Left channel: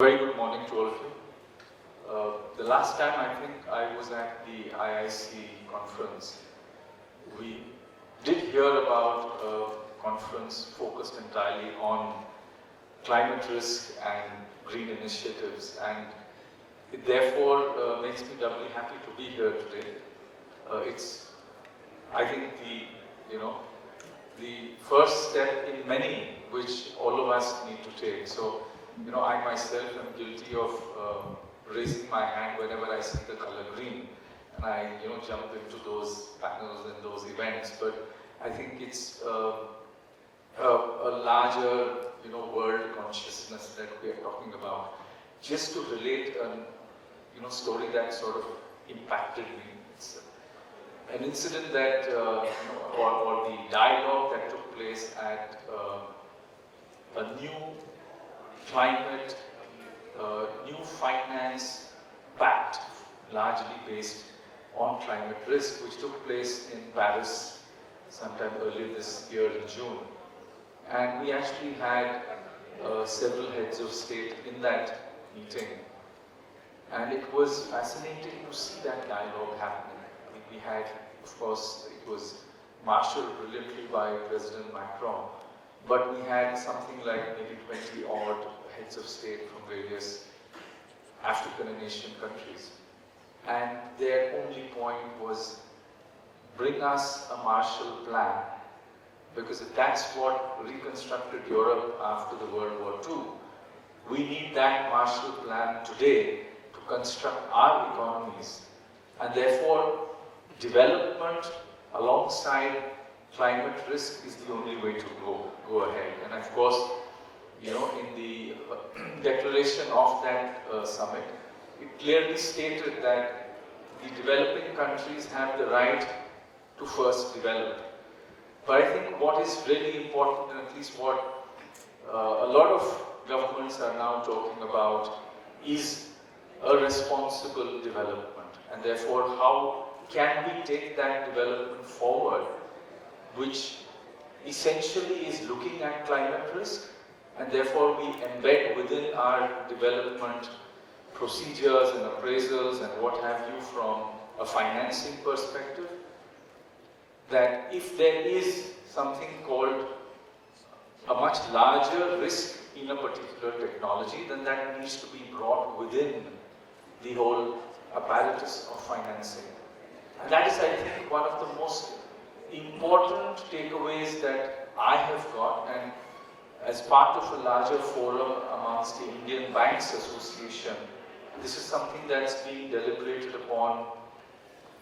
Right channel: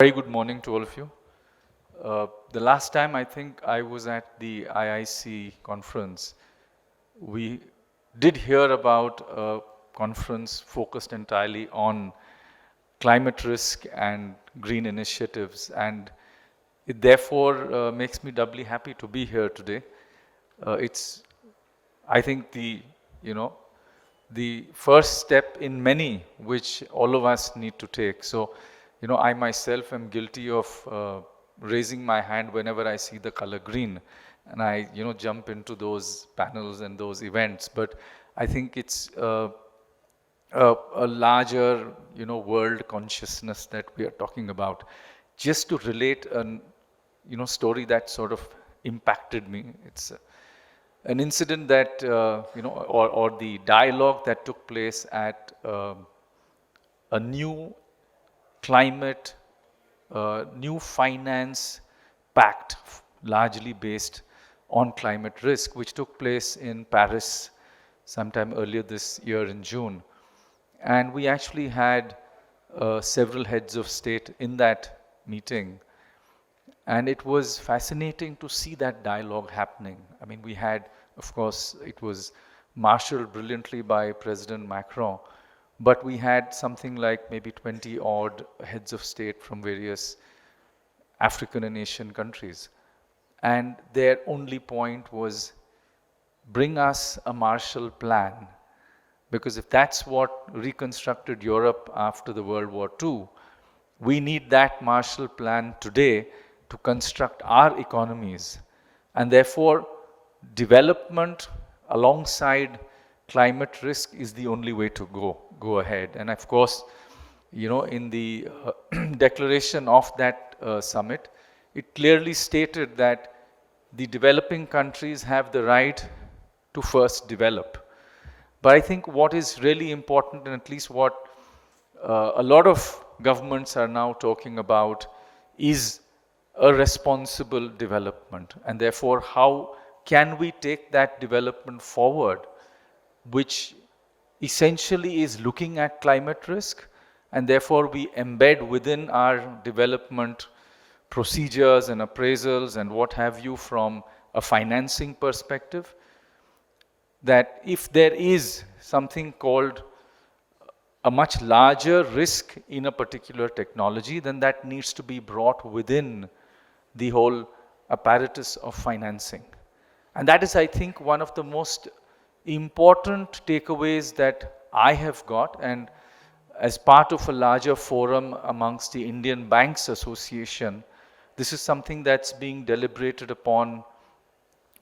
Very good morning to all of you. The last time I think I was at the IIC conference, we did hear about a conference focused entirely on climate risk and green initiatives, and it therefore makes me doubly happy to be here today. It's, I think, the first step in many which all of us need to take. So, I myself am guilty of raising my hand whenever I see the color green, and I, jump into those panels and those events. But I think it's a larger, world consciousness that we are talking about. Just to relate a, story that sort of impacted me. It's an incident that, or the dialogue that took place at a new climate, new finance pact, largely based on climate risk, which took place in Paris sometime earlier this year in June. And we actually had several heads of state in that meeting. And it was fascinating to see that dialogue happening. I mean, we had, of course, it was marshaled brilliantly by President Macron, but we had something like maybe 20 odd heads of state from various African and Asian countries. And their only point was, bring us a Marshall Plan, because if that's what reconstructed Europe after the World War II, we need that Marshall Plan today to construct our economies. And therefore, development alongside climate risk is the only way to go ahead. And of course, in the declaration of that summit, it clearly stated that the developing countries have the right to first develop. But I think what is really important, and at least what a lot of governments are now talking about, is a responsible development. And therefore, how can we take that development forward, which essentially is looking at climate risk, and therefore we embed within our development procedures and appraisals and what have you from a financing perspective, that if there is something called a much larger risk in a particular technology, then that needs to be brought within the whole apparatus of financing. And that is, I think, one of the most important takeaways that I have got, and as part of a larger forum amongst the Indian Banks Association, this is something that's being deliberated upon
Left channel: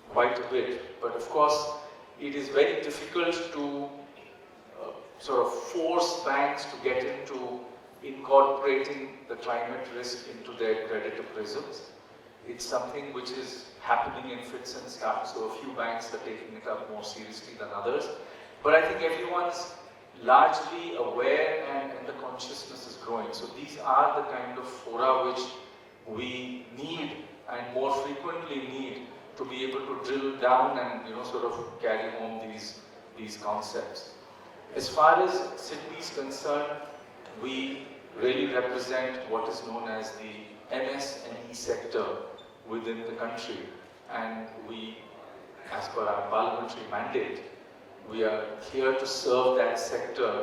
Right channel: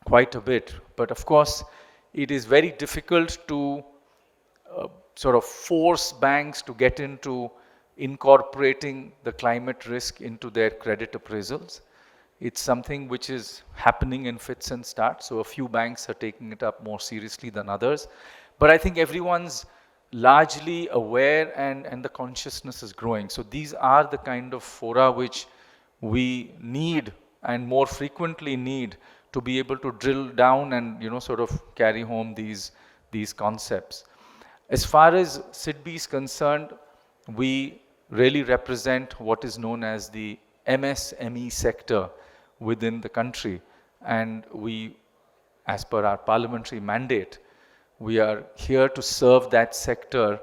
quite a bit. But of course, it is very difficult to sort of force banks to get into incorporating the climate risk into their credit appraisals. It's something which is happening in fits and starts, so a few banks are taking it up more seriously than others. But I think everyone's largely aware, and the consciousness is growing. So these are the kind of fora which we need, and more frequently need, to be able to drill down and sort of carry home these concepts. As far as SIDBI is concerned, we really represent what is known as the MSME sector within the country, and we, as per our parliamentary mandate, we are here to serve that sector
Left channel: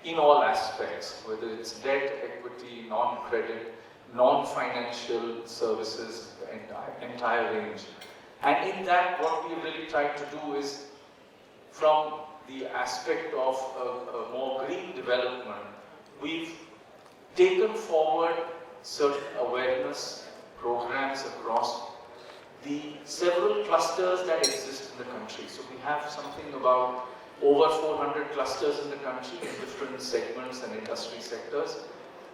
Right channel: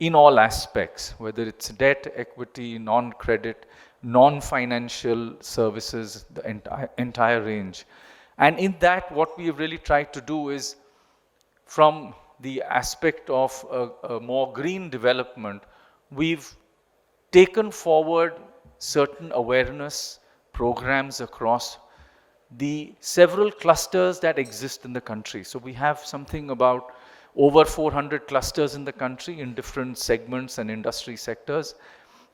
in all aspects, whether it's debt, equity, non-credit, non-financial services, the entire range. And in that, what we have really tried to do is, from the aspect of a more green development, we've taken forward certain awareness programs across the several clusters that exist in the country. So we have something about over 400 clusters in the country in different segments and industry sectors.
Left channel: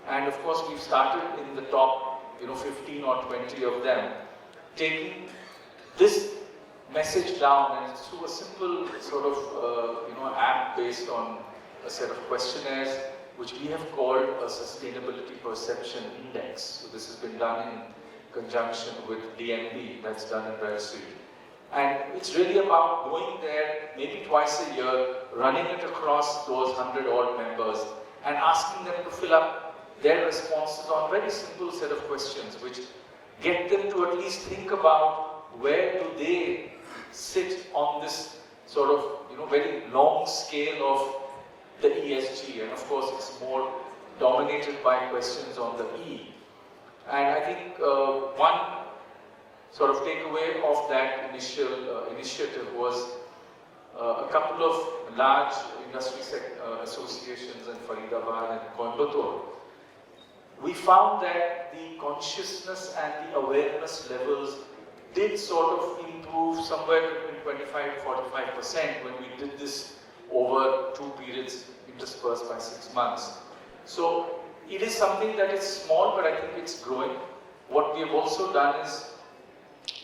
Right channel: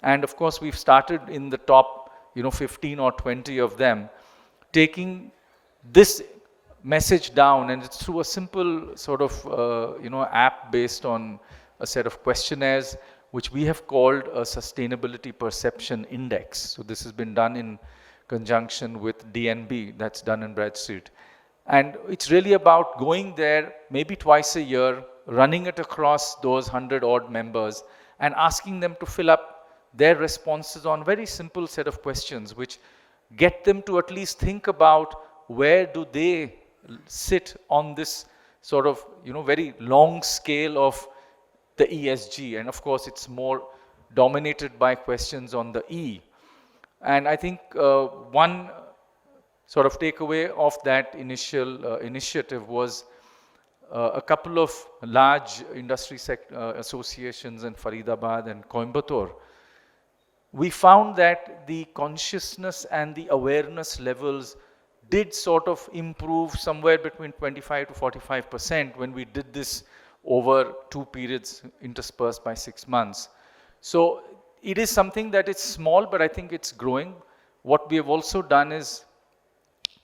And of course, we've started in the top 15 or 20 of them, taking this message down, and it's through a simple sort of app based on a set of questionnaires, which we have called a Sustainability Perception Index. So this has been done in conjunction with DNB, that's done in Bradstreet. And it's really about going there maybe twice a year, running it across those 100 odd members, and asking them to fill up their responses on very simple set of questions which get them to at least think about where do they sit on this sort of, very long scale of the ESG. And of course, it's more dominated by questions on the E. And I think one sort of takeaway of that initial initiative was a couple of large industry associations in Faridabad and Coimbatore. We found that the consciousness and the awareness levels did sort of improve somewhere between 25 to 45% when we did this over 2 periods interspersed by 6 months. So it is something that is small, but I think it's growing. What we have also done is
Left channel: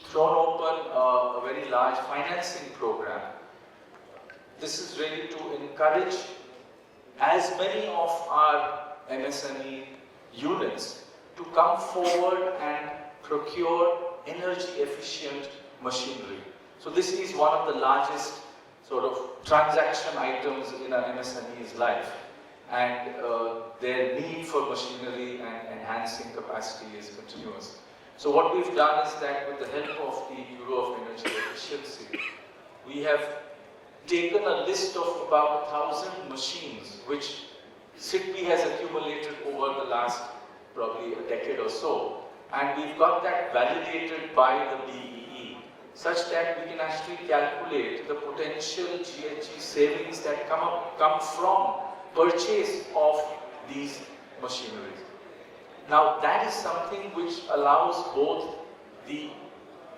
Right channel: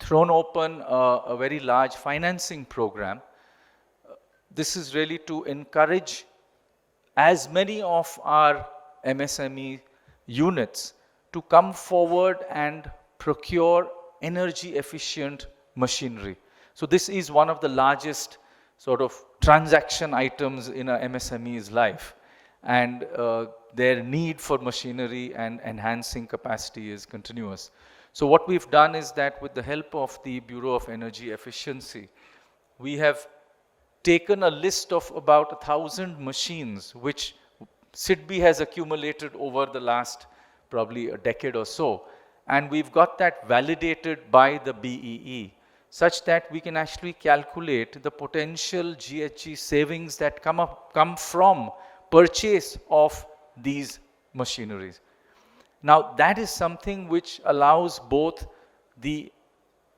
thrown open a very large financing program. This is really to encourage as many of our MSME units to come forward and procure energy efficient machinery. So this is one of the largest sort of transaction items in a MSME's life, and their need for machinery and enhancing capacity is continuous. So what we've done is that with the help of the Bureau of Energy Efficiency, we have taken a list of about 1,000 machines which SIDBI has accumulated over the last probably a decade or so, and we've got that validated by the BEE such that we can actually calculate the potential GHG savings that come from purchase of these machineries. Now that is something which allows both the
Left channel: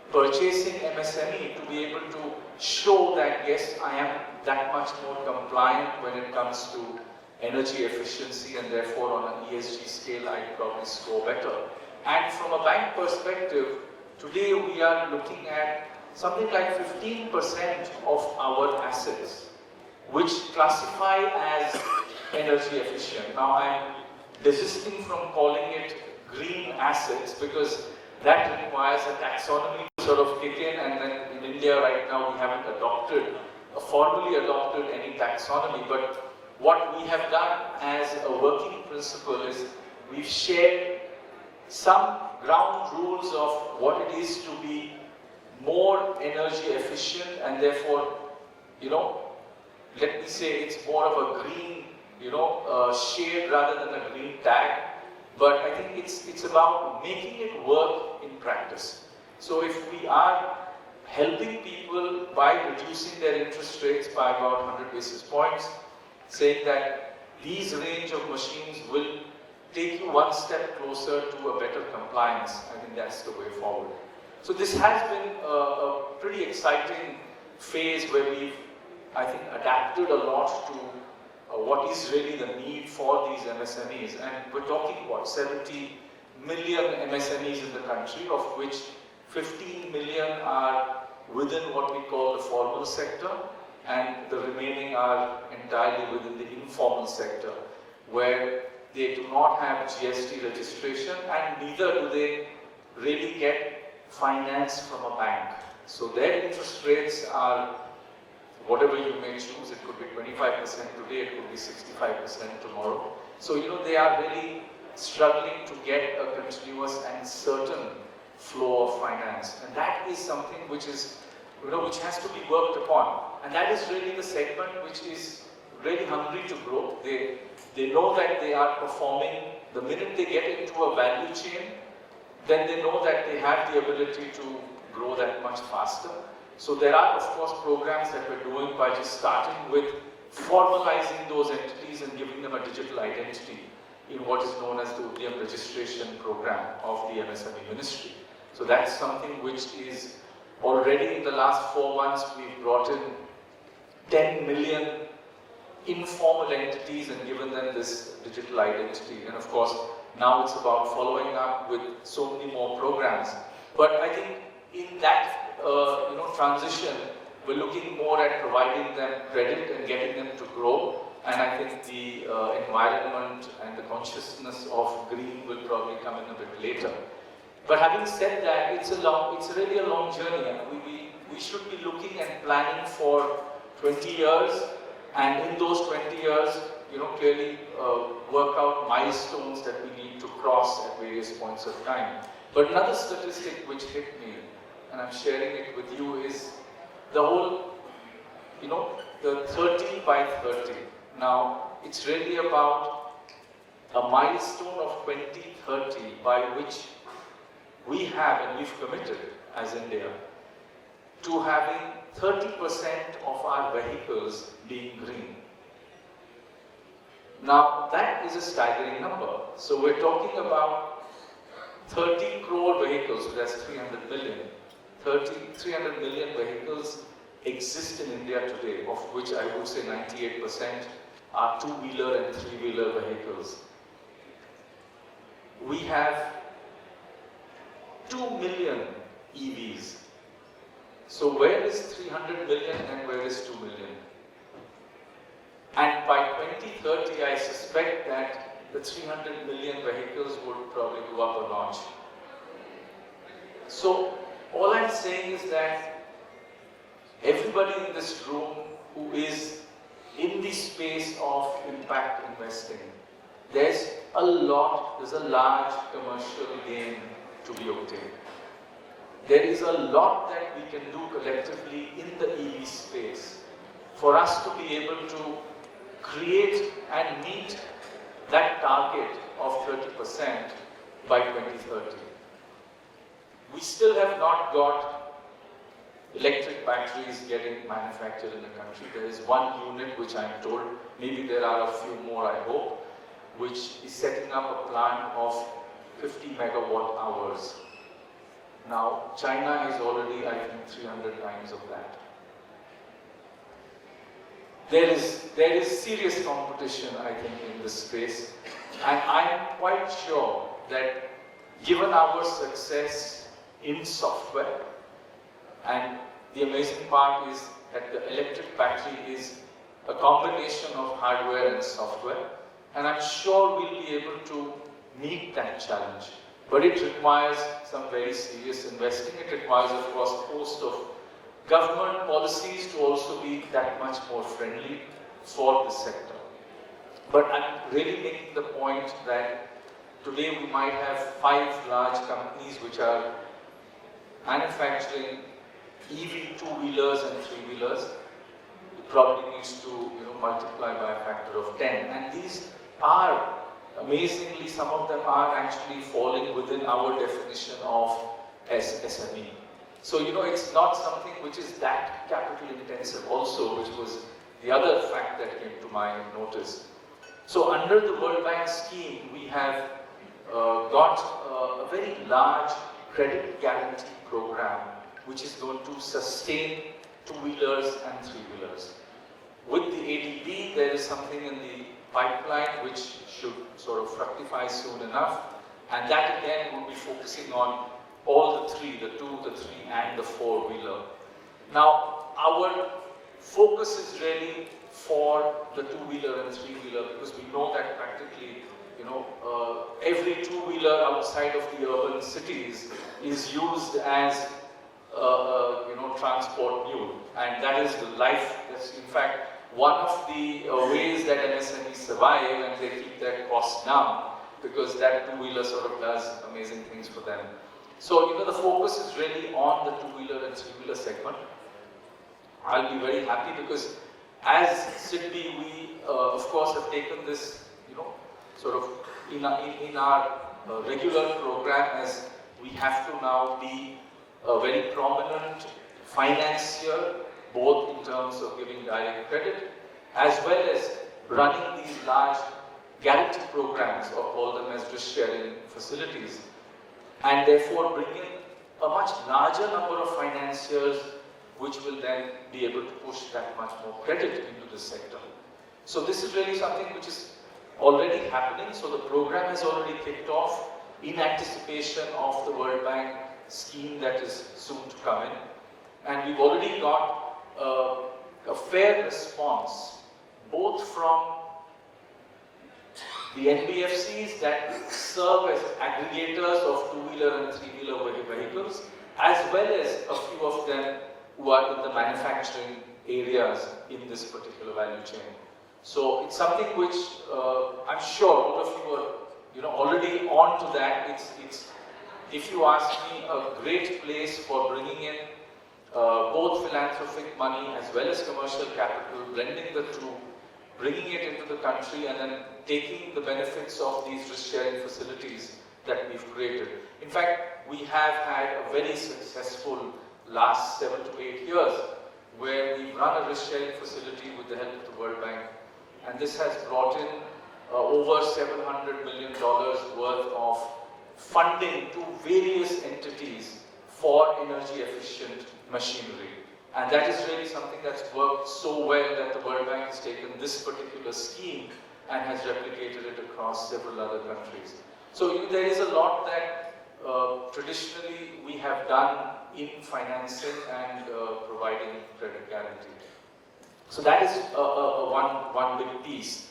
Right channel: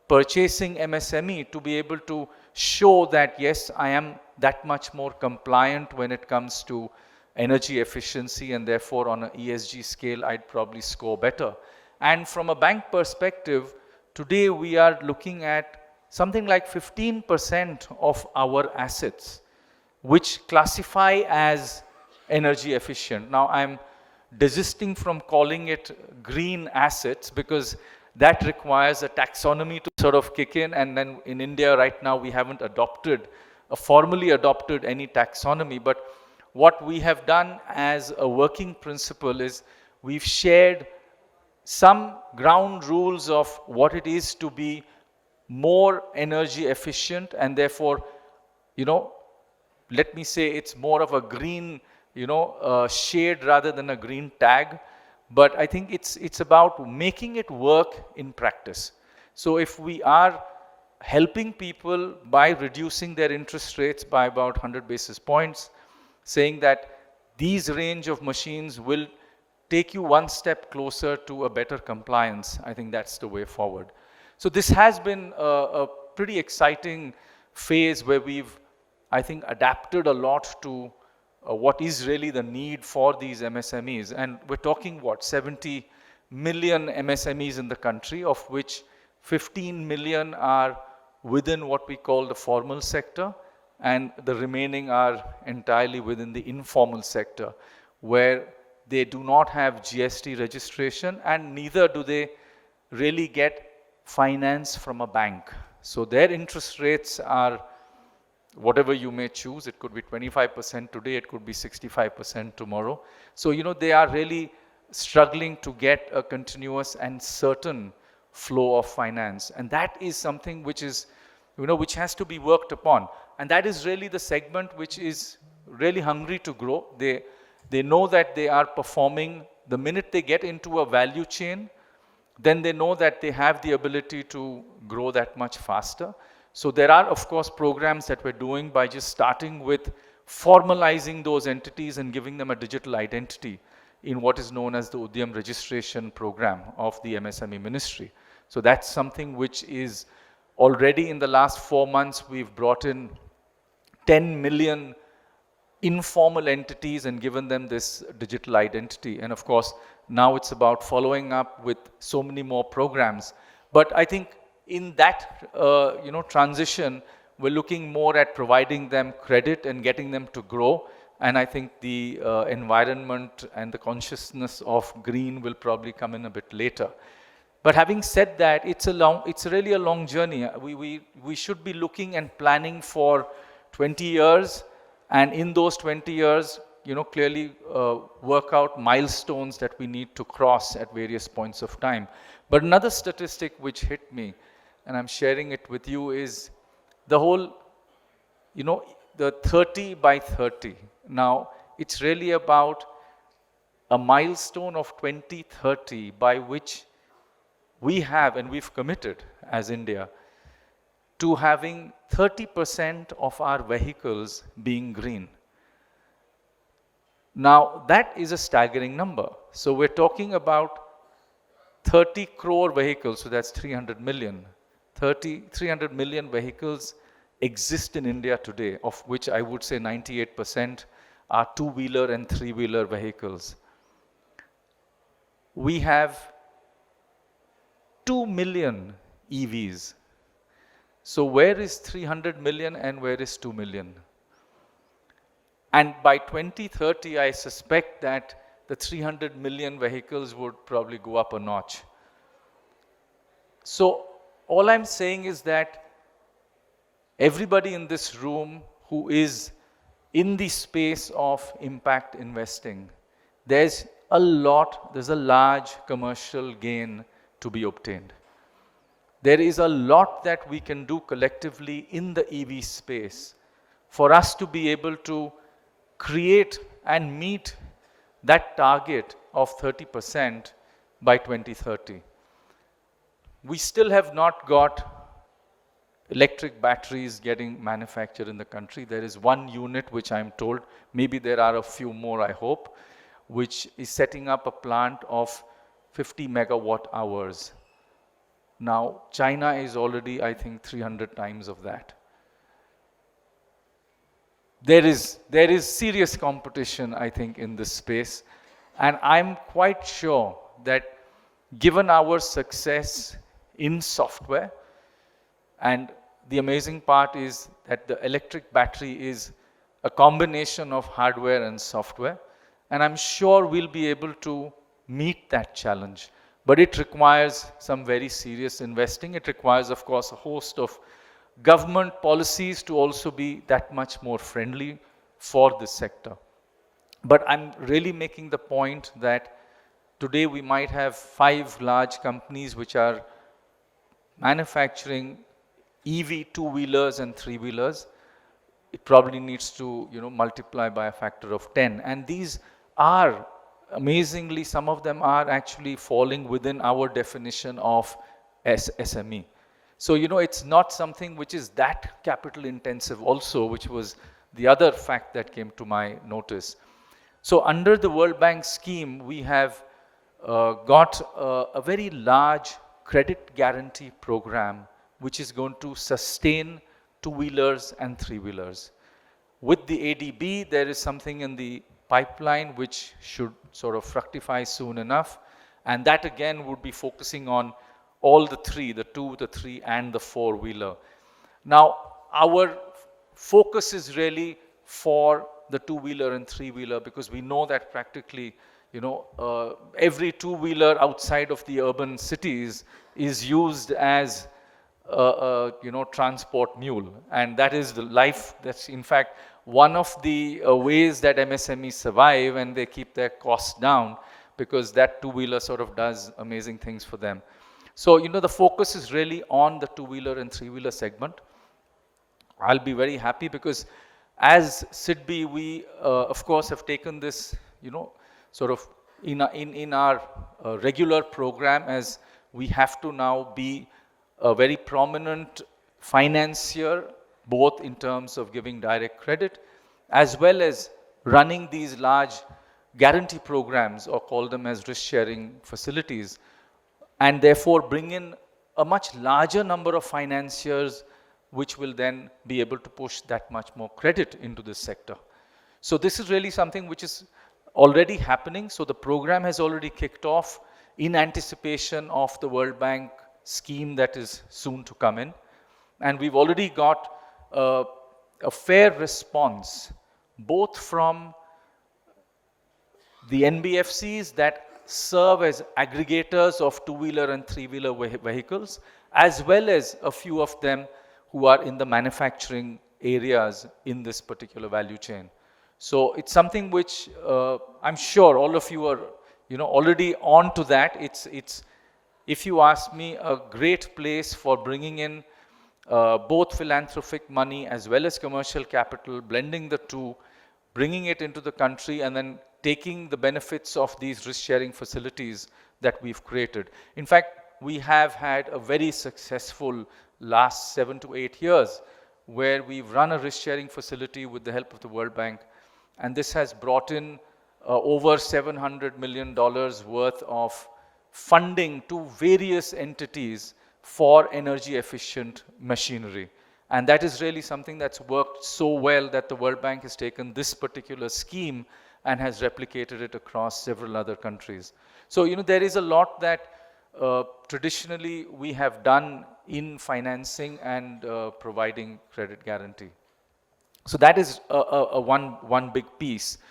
purchasing MSME to be able to show that yes, I am that much more compliant when it comes to energy efficiency, and therefore on an ESG scale I'd probably score better. And from a bank perspective, today we are looking at something like 15% of our assets which classify as energy efficient. Now I'm desisting from calling it green assets because that requires a taxonomy to sort of kick in, and then in India right now we haven't formally adopted any taxonomy. But what we have done as a working principle is we've shared some ground rules of what it is to be more energy efficient, and therefore, let me say it's more of a green, shade rather than a green tag. But I think it's about making it work in practice. So if we are helping people by reducing their interest rates by about 100 basis points, saying that these range of machines will take you one step closer to a better compliance, I think that's the way forward. So this has been a pretty exciting phase where we've, I think, adapted a lot to what is really the need for these MSMEs. And we're talking, 70 million MSMEs in the country, of which 15 million are within what we call the formal sector, and the remaining are entirely within the informal sector, where they do not have GST registration and neither do they really get finance from a bank. So their interest rates are whatever you may choose. It could be 25% today, it could be 65% tomorrow. So, they are really struggling to get a continuous and certain flow of finance. And that is something which is, which has to be worked upon. And that is really the segment which is really hungry to grow. They know that they are performing. The minute they get into a value chain, then they know that they have the ability to grow that much faster. So there are, of course, programs that we're doing by just starting with formalizing those entities and giving them a digital identity in what is known as the Udyam registration program of the MSME ministry. So that's something which is already in the last 4 months, we've brought in 10 million informal entities and given them this digital identity. And of course, now it's about following up with so many more programs. But I think in that transition, we're looking more at providing them credit and getting them to grow. And I think the environment and the consciousness of green will probably come in a bit later. But having said that, it's really a long journey. We should be looking and planning for 20 years. And in those 20 years, clearly work out milestones that we need to cross at various points of time. But another statistic which hit me, and I'm sharing it with you, is the whole, the 30 by 30. Now, it's really about a milestone of 2030 by which we have, and we've committed as India, to having 30% of our vehicles being green. Now, that is a staggering number. So we're talking about 30 crore vehicles, so that's 300 million. 300 million vehicles exist in India today, of which I would say 98% are two-wheeler and three-wheeler vehicles. We have 2 million EVs. So where is 300 million and where is 2 million? And by 2030, I suspect that the 300 million vehicles would probably go up a notch. So all I'm saying is that everybody in this room who is in the space of impact investing, there's a large commercial gain to be obtained. There is a lot that we can do collectively in the EV space for us to be able to create and meet that target of 30% by 2030. We still have not got electric batteries getting manufactured in the country. There is one unit which I'm told, maybe there are a few more I hope, which is setting up a plant of 50 megawatt hours. Now, China is already, I think, 300 times of that. There is serious competition, I think, in this space, and I'm quite sure that given our success in software, and the amazing part is that the electric battery is a combination of hardware and software, and I'm sure we'll be able to meet that challenge. But it requires some very serious investing. It requires, of course, a host of government policies to also be that much more friendly for this sector. But I'm really making the point that today we might have 5 large companies which are manufacturing EV two-wheelers and three-wheelers. It probably needs to multiply by a factor of 10. And these are, amazingly, some of them are actually falling within our definition of SME. So, it's not something which is that capital intensive also, which was the other fact that came to my notice. So, under the World Bank scheme, we have got a very large credit guarantee program, which is going to sustain two-wheelers and three-wheelers. With the ADB, there is something in the pipeline which should sort of fructify soon enough, and that again would be focusing on all the three, the two, the three, and the four-wheeler. Now, our focus is really for the two-wheeler and three-wheeler, because we know that practically, every two-wheeler outside of the urban cities is used as transport mule, and that is the life. That's in fact one of the ways that MSMEs survive, and they keep their costs down, because that two-wheeler sort of does amazing things for them. So, the focus is really on the two-wheeler and three-wheeler segment. I'll be very happy because as SIDBI, we of course have taken this, sort of in our regular program, as we have to now be a very prominent financier, both in terms of giving direct credit as well as running these large guarantee programs, or call them as risk sharing facilities, and therefore bring in a much larger number of financiers, which will then be able to push that much more credit into this sector. So this is really something which is already happening. So the program has already kicked off in anticipation of the World Bank scheme that is soon to come in, and we've already got a fair response both from the NBFCs that serve as aggregators of two-wheeler and three-wheeler vehicles, as well as a few of them who are in the manufacturing areas in this particular value chain. So it's something which I'm sure all of you are, already on to that. It's if you ask me, a great place for bringing in both philanthropic money as well as commercial capital, blending the two, bringing it into the country, and then taking the benefits of these risk-sharing facilities that we've created. In fact, we have had a very successful last 7 to 8 years where we've run a risk-sharing facility with the help of the World Bank, and this has brought in over $700 million worth of funding to various entities for energy efficient machinery. And that is really something that's worked so well that the World Bank has taken this particular scheme and has replicated it across several other countries. So, there is a lot that traditionally we have done in financing and providing credit guarantee. So that is one big piece.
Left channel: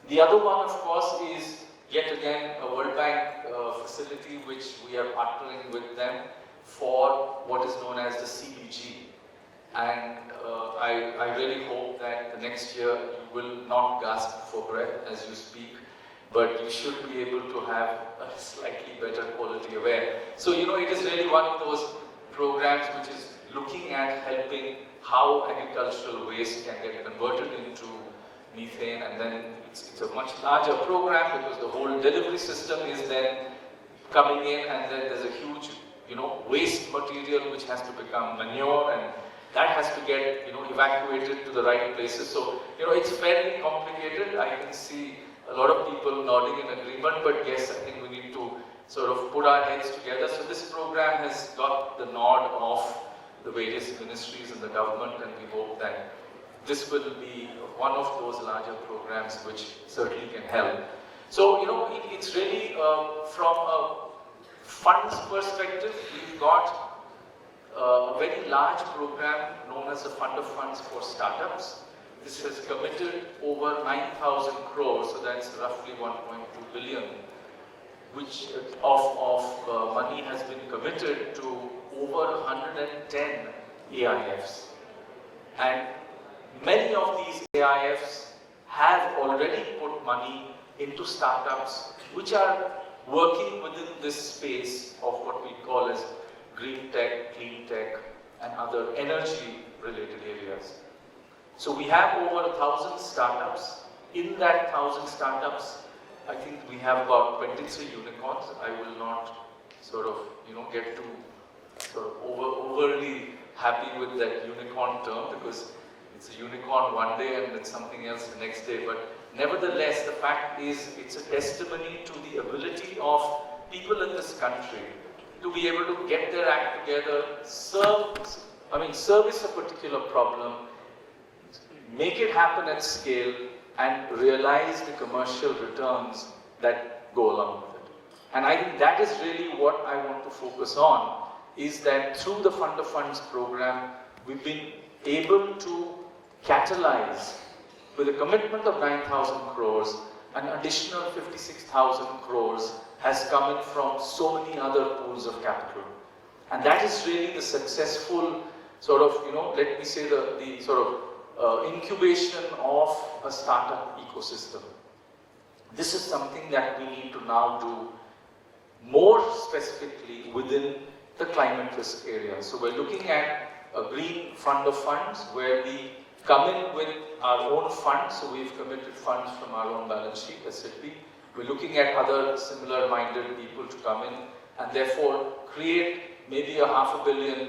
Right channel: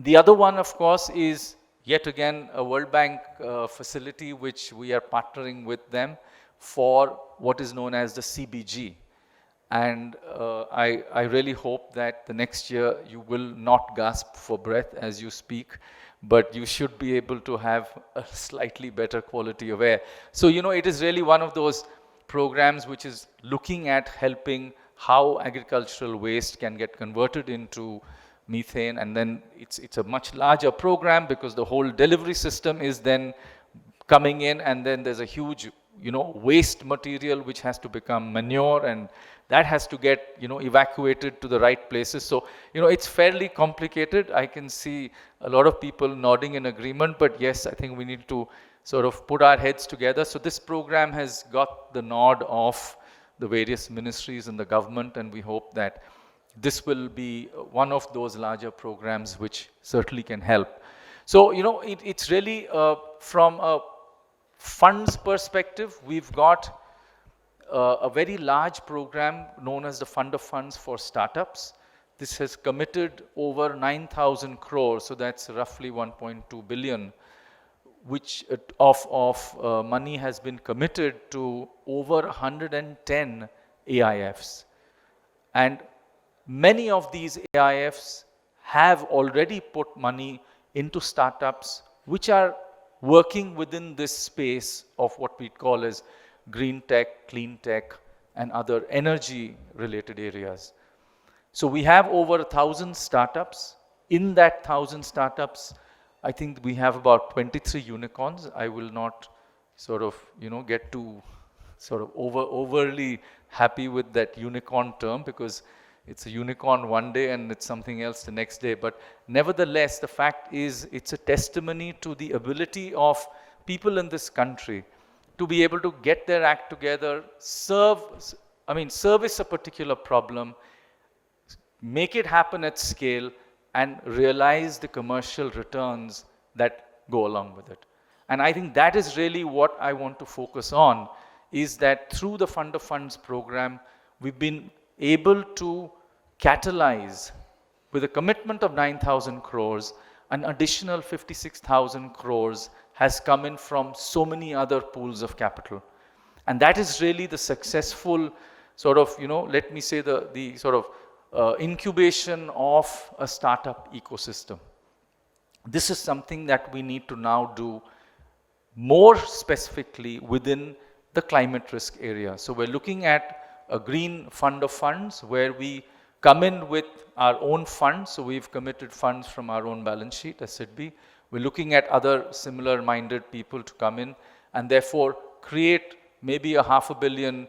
The other one, of course, is yet again a World Bank facility which we are partnering with them for what is known as the CBG. And I really hope that the next year you will not gasp for breath as you speak, but you should be able to have a slightly better quality of air. So, it is really one of those programs which is looking at helping how agricultural waste can get converted into methane, and then it's a much larger program because the whole delivery system is then coming in, and then there's a huge, waste material which has to become manure, and that has to get, evacuated to the right places. So, it's fairly complicated. I can see a lot of people nodding in agreement, but yes, I think we need to sort of put our heads together. So this program has got the nod of the various ministries in the government, and we hope that this will be one of those larger programs which certainly can help. So, it's really from a funds perspective, we've got a very large program known as the Fund of Funds for Startups. This has committed over 9,000 crores, so that's roughly 1.2 billion, which of money has been committed to over 110 AIFs. And many of these AIFs have already put money into startups which are working within this space of what we call as green tech, clean tech, and other energy related areas. So we have over 1,000 startups. In that 1,000 startups, I think we have about 23 unicorns. I will not sort of, get too sort of overly happy with that unicorn term, because it's a unicorn one day and it's something else the next day. But nevertheless, the fact is it's a testimony to the ability of people in this country to be able to get their act together, service a particular problem, make it happen at scale, and realize the commercial returns that go along with it. And I think that is really what I want to focus on, is that through the Fund of Funds program, we've been able to catalyze, with a commitment of 9,000 crores, an additional 56,000 crores has come in from so many other pools of capital. And that is really the successful sort of, let me say the sort of incubation of a startup ecosystem. This is something that we need to now do more specifically within the climate risk area. So we're looking at a green fund of funds where we come in with our own funds. So we've committed funds from our own balance sheet as SIDBI. We're looking at other similar minded people to come in and therefore create maybe a $500 million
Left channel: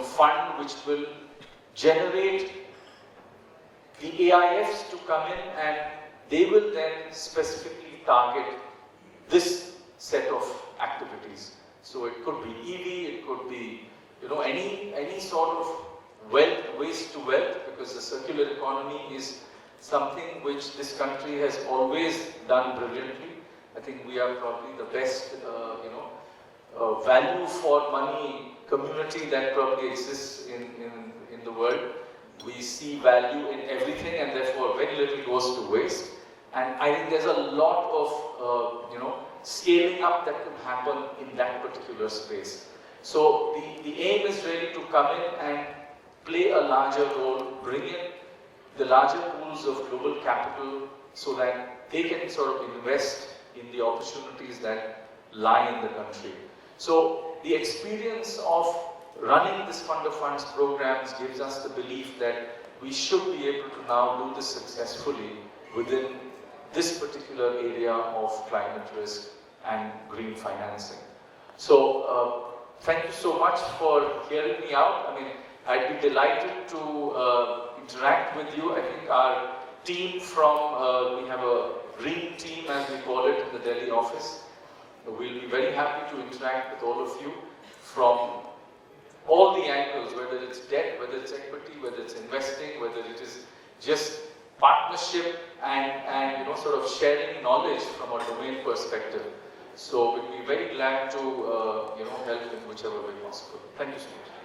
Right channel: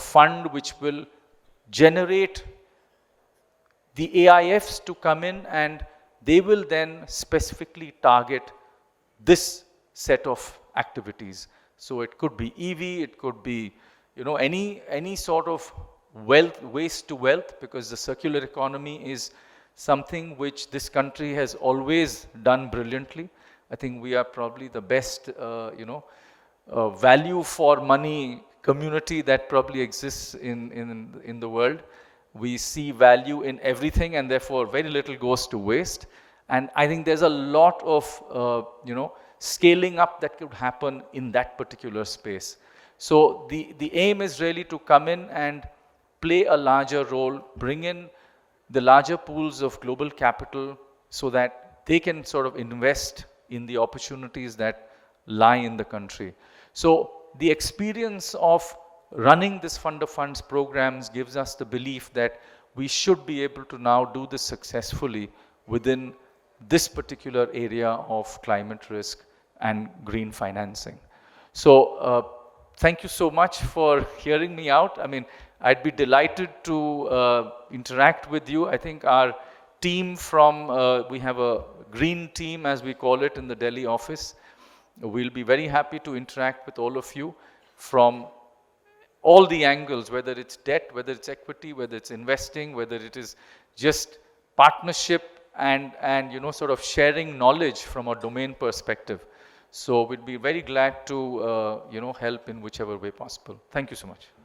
fund which will generate the AIFs to come in, and they will then specifically target this set of activities. So it could be EV, it could be any sort of waste to wealth, because the circular economy is something which this country has always done brilliantly. I think we are probably the best value for money community that probably exists in the world. We see value in everything, and therefore very little goes to waste. And I think there's a lot of scaling up that could happen in that particular space. So the aim is really to come in and play a larger role, bring in the larger pools of global capital so that they can sort of invest in the opportunities that lie in the country. So the experience of running this fund of funds programs gives us the belief that we should be able to now do this successfully within this particular area of climate risk and green financing. So thank you so much for hearing me out. I mean, I'd be delighted to interact with you. I think our team from, we have a green team as we call it in the Delhi office. We'll be very happy to interact with all of you from all the angles, whether it's debt, whether it's equity, whether it's investing, whether it is just partnership and you know, sort of sharing knowledge from a domain perspective. So we'd be very glad to you know, help in whichever way possible. Thank you so much.